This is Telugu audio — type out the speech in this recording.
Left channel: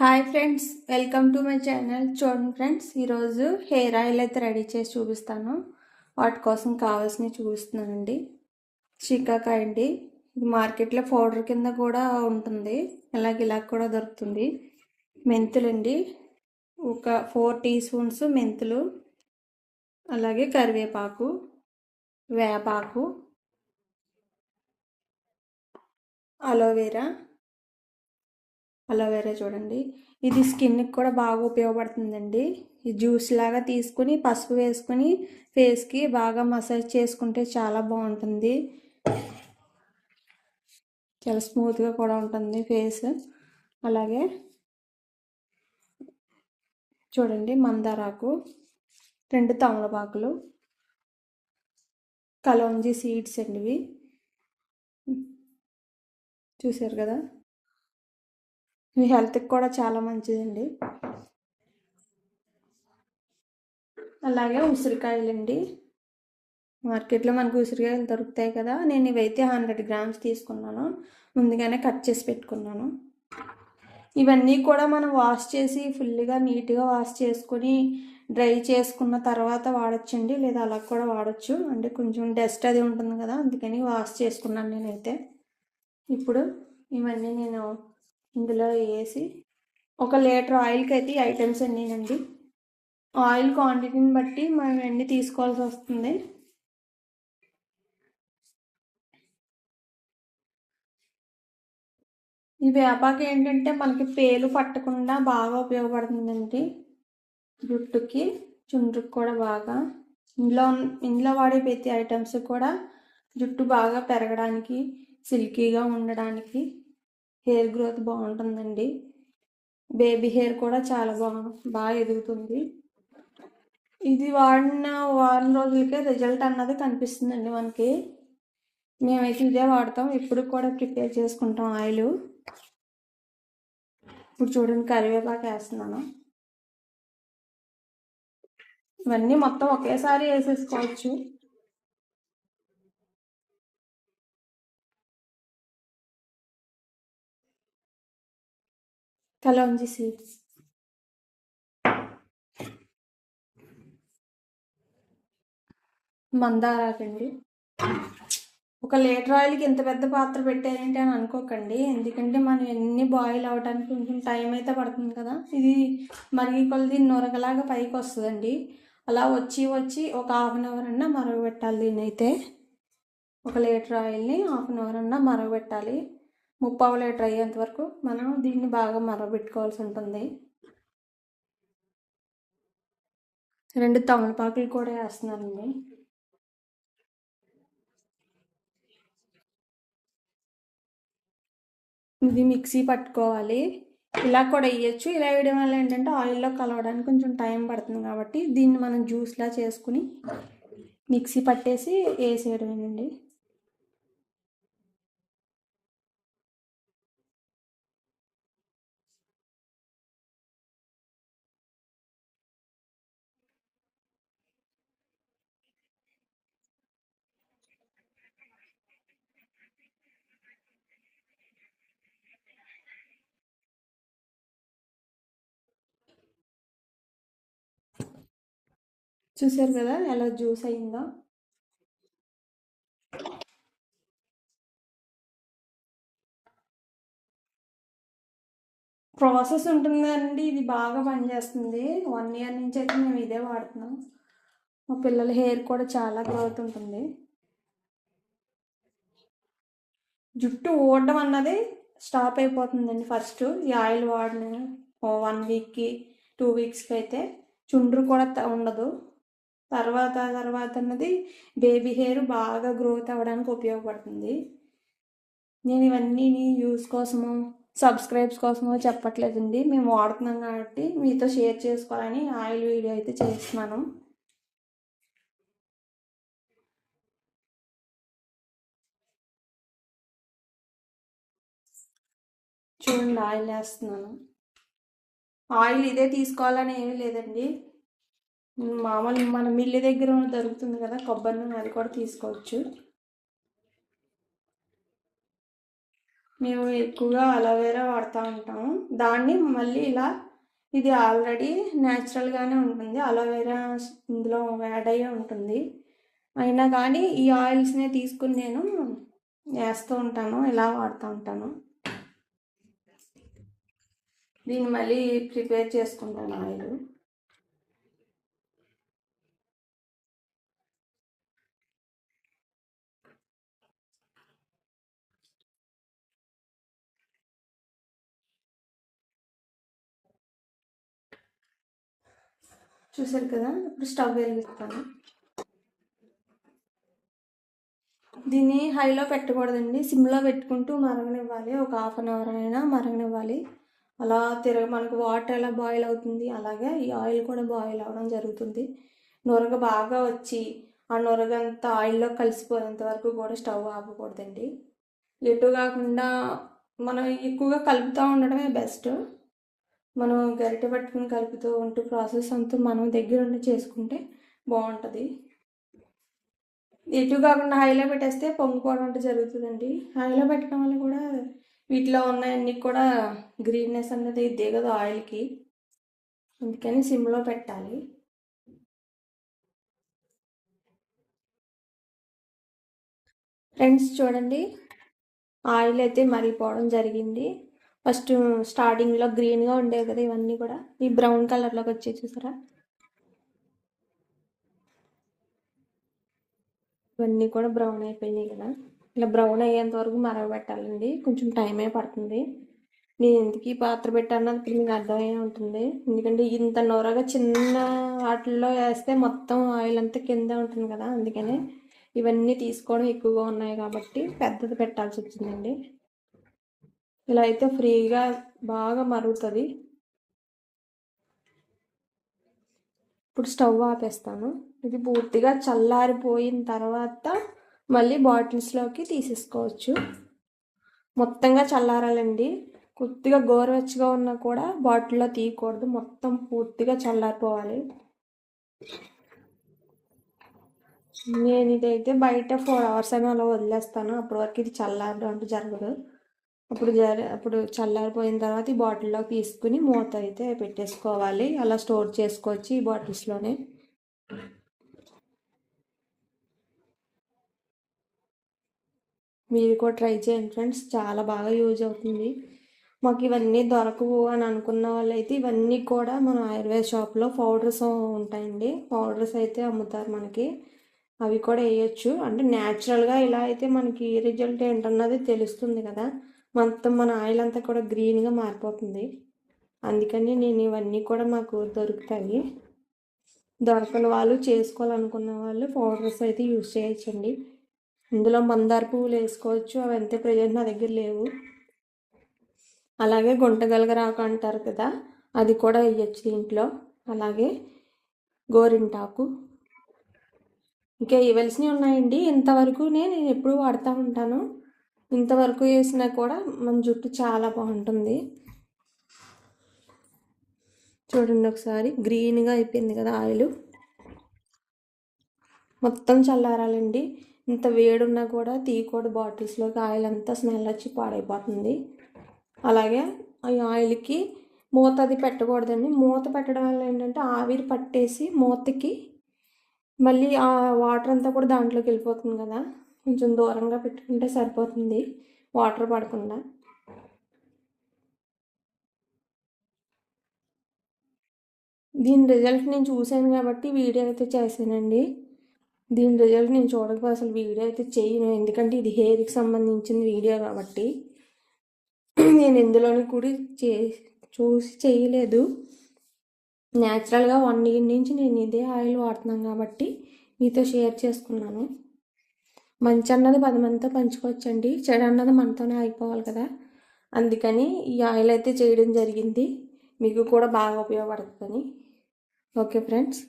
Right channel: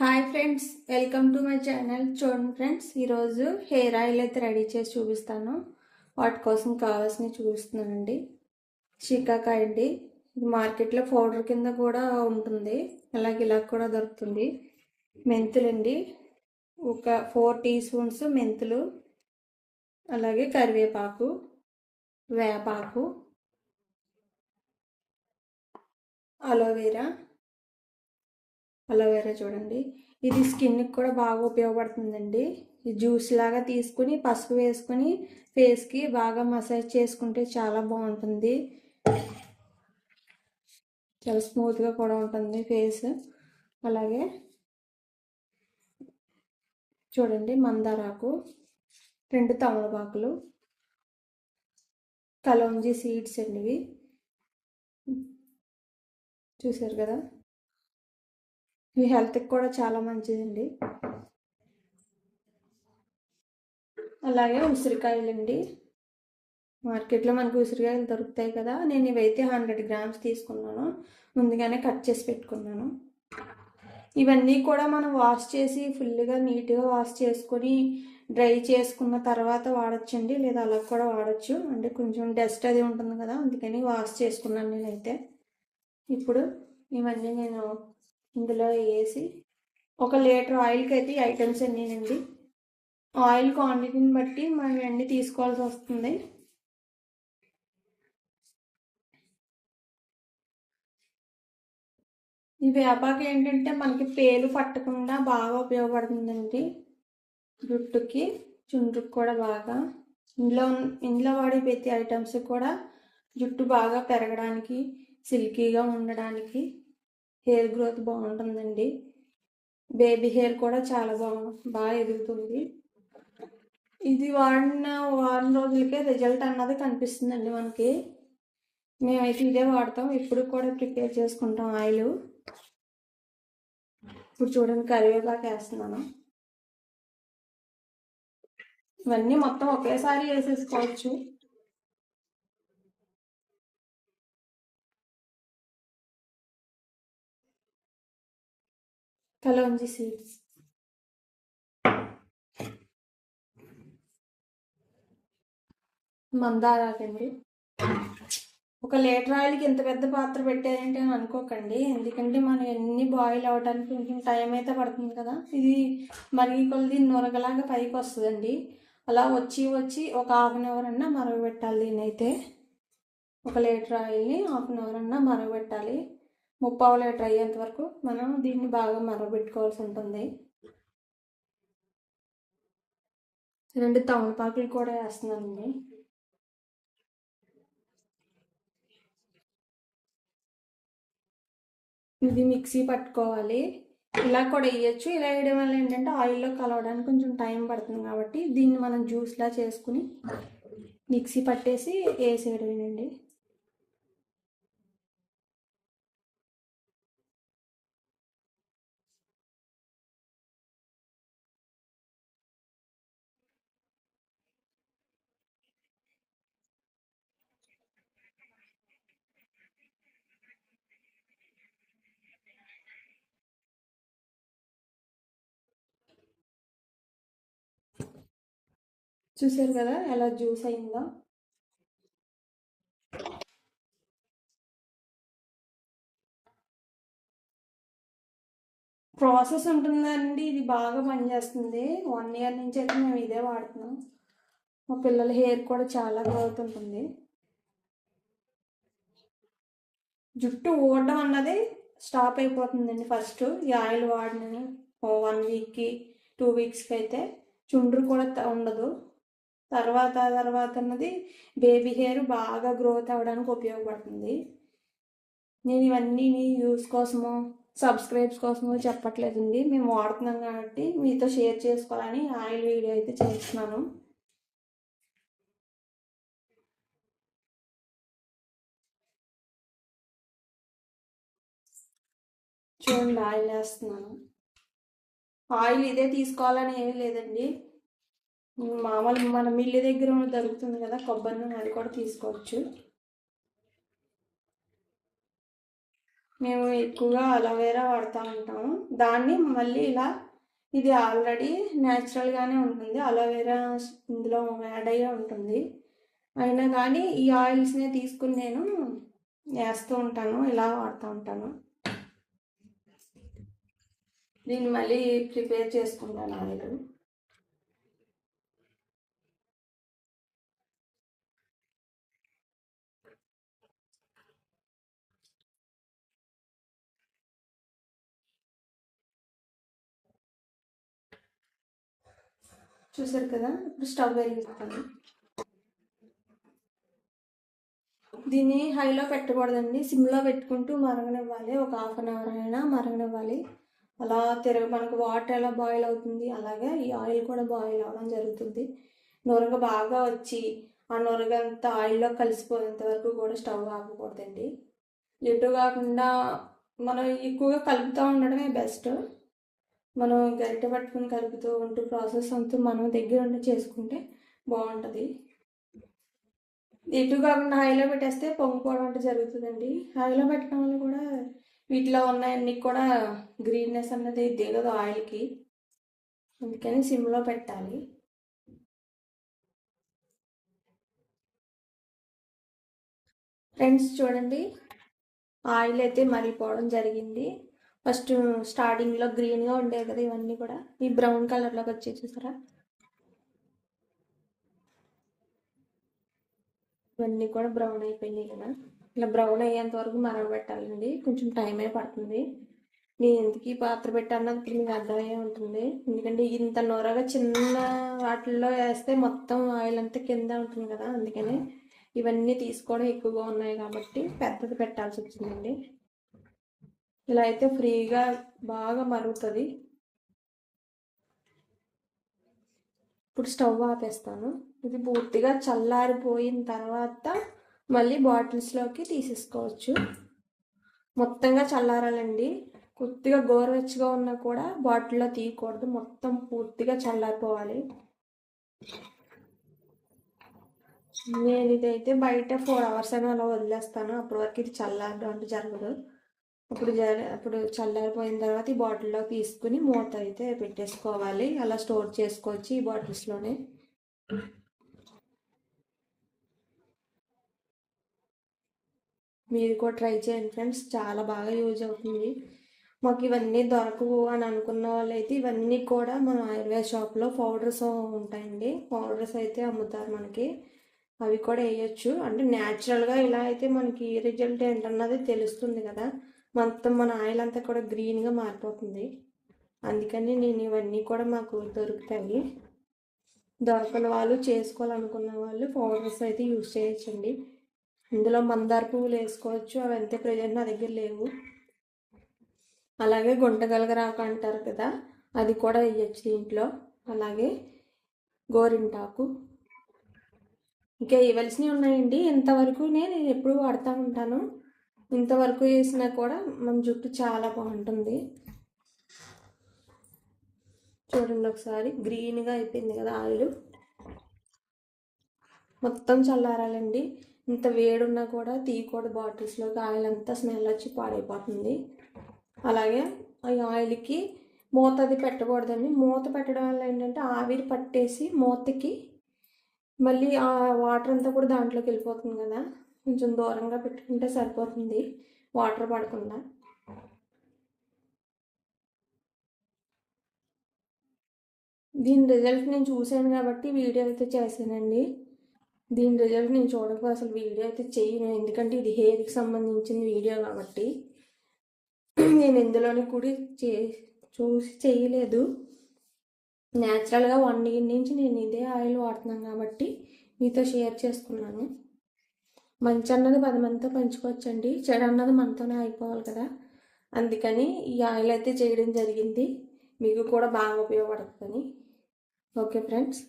Hi friends welcome to my channel చూడండి ఫ్రెండ్స్ ఈరోజు హెయిర్ ఆయిల్ అయితే రెడీ చేసి చూపిస్తాను. వాటి కోసం కావాల్సినవి చూపిస్తున్నానండి. చికాకాయ అండి. ఇది మార్కెట్లో పౌడర్ కింద కూడా ఉంటుంది. అలాగే ఇలా కూడా దొరుకుతుంది. మెంతులండి ఒక ఫోర్ టీ స్పూన్స్ మెంతులు. అలాగే కరివేపాకు వేపాకు అలోవెరా అలోవెరా చూడండి. ఇది స్కిన్కి కూడా బాగా ఉపయోగపడుతుందండి. ఈ జ్యూస్ లాగా తీసుకుని పసుపు వేసుకుని ఫేస్కి బాగా మసాజ్ చేసుకుంటే చాలా బాగుంటుంది. చాలా స్మూత్గా కూడా ఉంటుంది ఫేస్ అలాగే చూడండి మందారాకు రెండు తమలపాకులు కలౌంజీ సీడ్స్ అండి ఇవి. చూసారు కదా? మీ హెల్త్కి కూడా చాలా మంచిదండి. అలాగే ఉసిరికాయలండి. మార్కెట్లో మనకు ఉసిరికాయలు దొరుకుతాయి కదా నేను ఇవైతే హండ్రెడ్ గ్రామ్స్ తీసుకున్నాను. ముందుగానే కట్ చేసి పెట్టుకున్నాను. ఇవన్నీ కూడా మనం వాష్ చేసి ఫుల్గా నీట్గా వాష్ చేసుకొని డ్రై చేసుకున్న తర్వాత వాడచ్చండి లేదా అలా కూడా వాడచ్చు. అంటే కొంచెం డస్ట్ అది ఉంటుంది కదా అందుకని వాష్ చేసుకున్నాను నేనైతే. ఇప్పుడు ఇవన్నీ నేను ఇందులో వేసి ఒక లీటర్ ఆయిల్కి అయితే ఈ ఐటమ్స్ అన్నీనండి. ఆయిల్ క్వాంటిటీని బట్టి మనం ఎన్ని తీసుకోవాల్సి వస్తుంది? ఈ వేపాకు ఏంటంటే మనకి పేలు పట్టకుండా బాగా ఉపయోగపడుతుందండి. జుట్టుకి చుండ్రుకి కూడా బాగా. ఇంట్లో ఇంట్లో వాడే ప్రతి ఐటమ్స్ కూడా జుట్టు బాగా పెరగడానికి సిల్కీగా ఉండడానికి హెయిర్ గ్రోత్ బాగుంటుందండి. బేబీ హెయిర్ కూడా చాలా బాగా బాగా ఎదుగుతుంది. ఇది వాడిన వారం రోజులకే రిజల్ట్ అన్నది కనిపిస్తుందండి మనకి. మేమైతే ఇదే వాడతాం. ఇప్పుడు కూడా ప్రిపేర్ చేసుకుంటాం ఆయిల్. ఇప్పుడు చూడండి కరివేపాకు వేస్తున్నాను. ఇవన్నీ మొత్తం ఒకేసారి వేసేసుకోవచ్చు. కలోంజీ సీడ్స్ మందారాకండి ఒక లీటర్ ఆయిల్కి ఇంత పెద్ద పాత్ర పెట్టారంటే అని అనుకోకండి. ఎందుకంటే మనం ఎన్ని బాయిల్ అవ్వడానికి కొంచెం టైం అయితే పడుతుంది కదా. ఇది మరిగి కొలది నూనగలాగా పైకి వస్తుందండి. అలా వచ్చి వచ్చి ఒక హాఫ్ అన్ అవర్ అన్నా మరగబెట్టాలి నేనైతే. ఒక లీటర్ ఆయిల్ని హాఫ్ అన్ అవర్ అన్నా మరగబెట్టాలి ముప్పావు లీటర్ అయ్యేంత వరకు మనం దీన్ని బాగా మరగబెట్టుకోవాల్సి ఉంటుంది. రెండు తమలపాకులు కూడా వేస్తున్నానండి. ఇది మిక్సీ పట్టుకోవాలి. ఇలా కూడా వేయచ్చు. ఇలా వేయడం వల్ల ఏంటంటే ఆయిల్లో కలవడానికి కొంచెం టైం పడుతుంది కాబట్టి దీన్ని మనం జ్యూస్లా చేసుకుని మిక్సీ పట్టేసి వేసేయడమేనండి. చూసారు కదా ఎలా జ్యూస్ అయిందో? ప్రాసెస్ ఉంటుందండి. ఇది బాగా పనిచేస్తుంది. వన్ ఇయర్ నుంచి అయితే మేము ఇదే వాడుతున్నాం. మా పిల్లల హెయిర్ కూడా చాలా గ్రోత్ ఉంటుంది జుట్టు ఊడడం అన్నది స్టాప్ అయిపోతుందండి ఫస్ట్. ఈ ఆయిల్ వాడిన వన్ వీక్కి టూ వీక్స్కి అయితే చుండ్రు కూడా ఉండదు. తర్వాత తర్వాత అన్నది బేబీ హెయిర్ బాగా గ్రోత్ అవ్వడానికి ఉపయోగపడుతుంది. నేను ఇవన్నీ యూస్ కోసము సబ్స్క్రైబ్స్ కోసము చెప్పట్లేదండి. మేము వాడుతున్నాం కాబట్టి మీతో షేర్ చేసుకోవాలని ఆయిల్ వీడియో అయితే చేస్తున్నాను. చూడండి ఆయిల్ వేస్తున్నాను. ఆయిల్ ఇదే తీసుకోవాలని ఏమీ లేదండి. మామూలు మన మిల్లి దగ్గర దొరుకుతుంది కదా కొబ్బరి నూనె అది కూడా తీసుకోవచ్చు. మేము ఎక్కువగా అలోవేరా వాడుతూ ఉంటాము. దాన్ని మళ్ళీ ఇలా ఇది ఆల్రెడీ న్యాచురల్గానే ఉంటుంది. అలోవేరా ఇందులో యాడ్ అయ్యే ఉంటుంది. అయినా కానీ ఈ ఆయిల్స్నే తీసుకుని నేను వేస్తూ ఉంటాను ఇలా వాడుతూ ఉంటాను. దీన్ని మళ్ళీ ప్రిపేర్ చేసుకుంటాను ఆయిల్. చూసారు కదా? ఇప్పుడు స్టవ్ వెలిగిస్తాను. దీన్ని హైలో పెట్టకూడదండి. సిమ్లో పెట్టుకుంటూ మరగనివ్వాలి. ఒక హాఫ్ అన్ అవర్ అయినా మరగనివ్వాలి. అలా తిరగ మనకు వాటర్ ఎలా బాయిల్ అవుతుంది? అలాగే ఈ ఆయిల్ కూడా బాయిల్ అవ్వడం జరుగుతుంది. నొరగ బాగా వచ్చి ఆ నొరగంతా ఆయిల్లో కలిసిపోయేంత వరకు కూడా స్టవ్ ఆపకూడదండి. ఎటు కాకుండా మనం ఎక్కువగా కలుపుతూ ఉండడమే బెస్ట్. మనం గరిట పట్టుకుని కలుపుతూ ఉంటూ ప్రాసెస్ అంతా మనం దగ్గర ఉండి చేసుకుంటే బాగుంటుంది. ఎటు కాకుండా హైలో పెట్టేస్తే పొంగిపోవడం అంటే జరుగుతుందండి. హైలో పెట్టడం వల్ల కూడా వీటిలో ఉన్నాయన్నీ కూడా గ్రీన్నెస్ అన్నది దిగదు ఆయిల్కి. అందుకని సిమ్లో పెట్టాలి. ఫ్రెండ్స్ చూడండి ఆయిల్ అయితే మరిగిపోవడం జరిగింది. ఫస్ట్ స్టార్టింగ్లో గ్రీన్గా ఉండేవి కదా ఇవన్నీ కూడా. ఈ బ్రౌన్ కలర్లోకి వచ్చే చూసారా? ఇవన్నీ కూడా బ్రౌన్ అయిపోయినాయి కదా. ఇలా బ్రౌన్ అయ్యేంత వరకు మరగబెట్టాలండి. కొంచెం టైమే పడుతుంది. నేను ఎందుకు ఈ పాత్ర పెట్టాను ఇప్పుడు మీకు అర్థమయ్యే ఉంటుంది. ఎందుకంటే ఇంత నోరగా చిన్న వాటిల్లో వేస్తే మొత్తం ఆయిల్ అంతా కింద ఉంటుంది కదా అందుకనే ఇవన్నీ తీసుకోవడం ఎక్కువగా ఉన్నాయి కాబట్టి పెద్దది పెట్టాల్సి వచ్చిందండి. ఇలా అయితే ఫ్రీగా బాగా మరుగుతుంది. ఇప్పుడు స్టవ్ ఆపేస్తాను. ఇది పూర్తిగా చల్లారిపోయిన తర్వాత మళ్ళీ బాటిల్స్లోకి తీసేసుకోవచ్చు. మొత్తంగా చల్లారాలండి. కొద్దిగా గోరువెచ్చగా ఉన్నా కూడా బాటిల్లో తీయకూడదు. మొత్తం పూర్తిగా చల్లారిపోవాలి. నేను ఇదైతే బయట ఫోర్ అవర్స్ అయినా అలా వదిలేస్తాను. అప్పటి వరకు ఇది చల్లారడం అంటే జరగదు. అప్పుడు జరి అప్పుడు చల్లారిపోయిన తర్వాత ఈ బాటిల్లో తీసుకుని మూత అయితే పెట్టేసుకోవాలి. అలా స్టోర్ చేసుకోవచ్చు ఈ బాటిల్స్లోనే. మీరు కూడా ట్రై చేయండి ఫ్రెండ్స్. చాలా బాగా యూజ్ అవుతుంది. మాకు ఇవన్నీ దొరకవు అని అనుకున్న వాళ్ళైతే ఇవన్నీ కూడా మన ఆయుర్వేద షాప్లో పౌడర్స్ ఉంటాయండి. పౌడర్స్ అయితే అమ్ముతారు మనకి. అవి కూడా వేయచ్చు. అంటే న్యాచురల్గా ఇలా అయితే మనకి రిజల్ట్ ఏంటన్నది తెలుస్తుంది కదా. మొత్తం మన ఆయిల్ అంతా కూడా గ్రీన్గా మారిపోతుంది. అందుకని నేను ఇవన్నీ కూడా మాకు దొరుకుతాయి. దొరకని వాళ్ళు చేసుకోవాలనుకున్న వాళ్ళు పౌడర్స్ అయితే యూజ్ చేయొచ్చండి. ఇందులో మందార పువ్వులు వేసుకోవచ్చు. అవి ఎంత ప్రజెంట్ నా దగ్గర లేవు. అలాగే గుంటగలగరాకు అంటారు కదా అది కూడా వేయచ్చు దీంట్లో. అలాగే గోరింటాకు. ఇంకా ఇవ్వాల్సినవి ఉన్నాయండి. ఇంతవరకు నేను ఎప్పుడు వాడుతూ ఉంటాను. ఇంతవరకు వేసినా కూడా మన జుట్టు చాలా బాగుంటుంది. చూడండి ఒకసారి గ్రీన్గా అయిపోయింది కదా ఆయిల్. మొత్తం చల్లారాలండి. ఇంత వేడున్నా కూడా తీయకూడదు బాటిల్స్లోకి. ఆయిల్ అంతా స్మెల్ వచ్చి పాడైపోతుంది. అలాగే ఈ ఆయిల్కి మూత అది పెట్టకూడదండి. మూత పెట్టడం వల్ల ఏంటంటే ఆవిరి పట్టేసి మూతకి మళ్ళీ ఆ వాటర్ అంతా కూడా దాంట్లోకి వెళ్ళిపోతుంది కదా. కొంచెం దూరంగా పెట్టుకుంటే సరిపోతుంది. వాటర్ పడకుండా. దీని రిజల్ట్ నేను చూశాను కాబట్టి వీడియో అయితే చేశానండి. దీని రిజల్ట్ నేను చూడక అసలు వీడియో అయితే చేయను. ఎందుకంటే ఇది హెయిర్కి సంబంధించిన వీడియో కాబట్టి నేను ఇందులోని కూడా చే చూసి చేయలేదు. న్యాచురల్గా వన్ ఇయర్ నుంచి నేను ఇదే ఆయిల్ వాడుతున్నాను కాబట్టి మీతో షేర్ చేసుకున్నాను. మంచి అన్నది పది మందితో పంచుకోవచ్చండి. చెడు అన్నది మనతోనే అయిపోవాలి కదా. అందుకని ఈ ఆయిల్ అయితే చేయడం జరిగింది. మీకు కూడా బాగా ఉపయోగపడుతుందని. Okay friends.